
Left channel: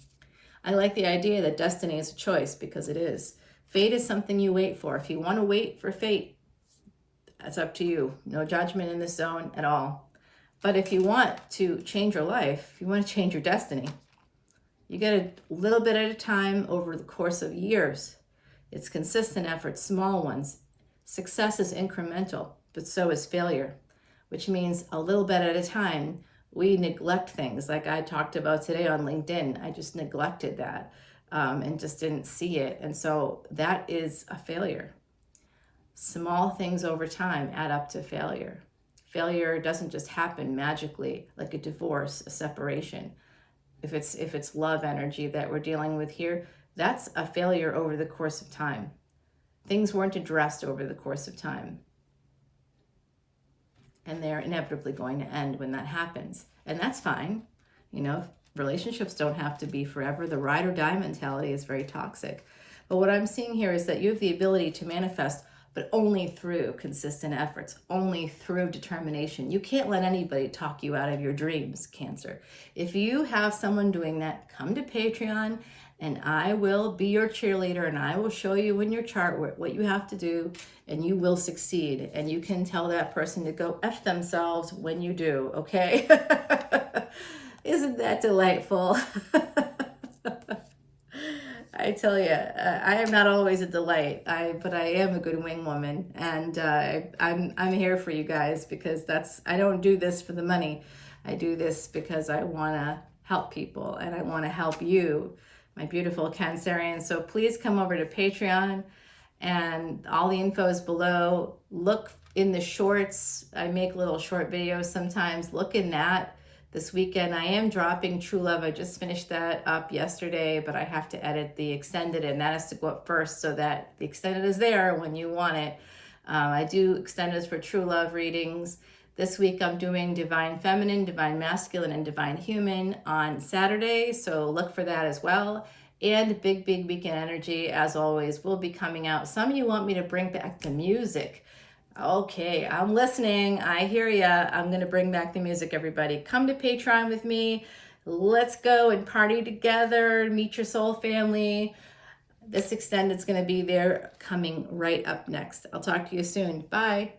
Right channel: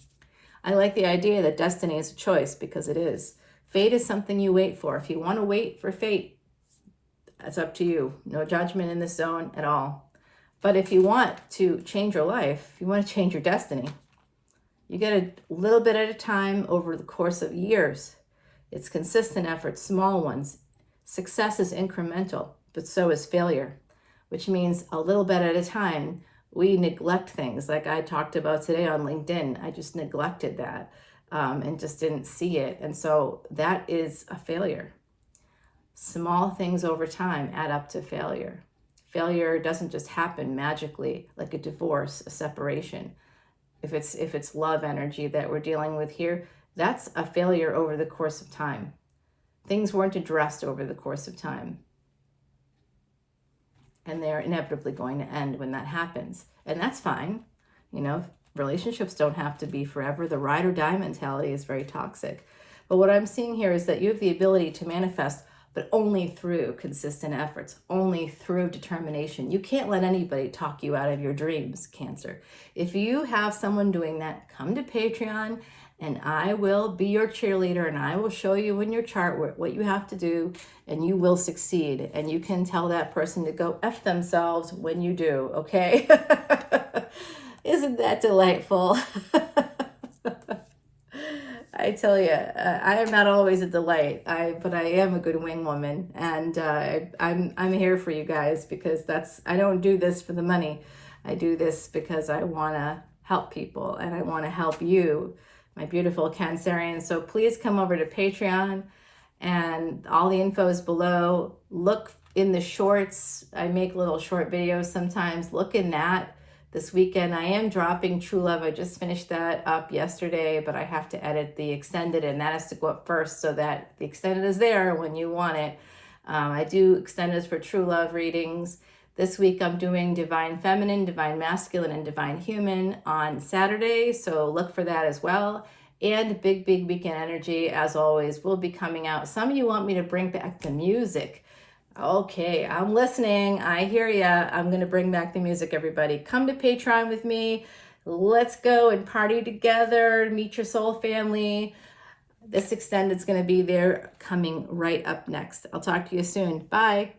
I like the idea that destiny is a choice, because it is. Fate is something you wait for. If you want to wait for fate, that's up to you. No judgment in this zone at all. But if you want to change your life, if you want to change your destiny, you get a little bit at a time over the course of years. It's consistent effort, small ones. Success is incremental, but so is failure, which means a little bit at a time. We neglect things like I talked about today on LinkedIn. I just neglected that and just didn't see it. And so that is a failure. Small things over time add up to failure. Failure doesn't just happen magically like a divorce, a separation. If it's love energy that we're dealing with here, that's a failure over the course of time. Things weren't addressed over the course of time. And they're inevitably going to end when that happens. And that's fine. Relationships don't have to be forever. The ride or die mentality is very toxic. But what I'm seeing here is that you have the ability to manifest, but only through consistent efforts, only through determination. You can't let anybody talk you out of your dreams, Cancer. If you have someone doing that, come to Patreon, and I will be your cheerleader, and I will show you in your chart what you have to do, and you will succeed. And you can tell that person to go F themselves when you do, okay? Isn't that delightful? I tell you, I am not always a delight, but I am a good wing woman, and I'm here for you guys, because I don't do this for the money. I do this because I want to help people, and I want to help you, my beautiful Cancerians. So please come over to Patreon, and all the info is below. Look in the shorts. I make little short videos sometimes. Look in that. This weekend I am dropping True Love. I just finished that up yesterday, but I have to edit the extended, and that has to go up first so that the extended is there when you want it. I do extendeds for True Love readings. This week I'm doing Divine Feminine, Divine Masculine, and Divine Human on Saturday, so look for that as well. And Big Weekend Energy, as always, will be coming out. Some of you want me to bring back the music. Okay, I'm listening. I hear ya. I'm going to bring back the music, everybody. Come to Patreon with me. Let's go and party together. Meet your soul family. This extended's going to be there coming right up next. I'll talk to you soon. Bye.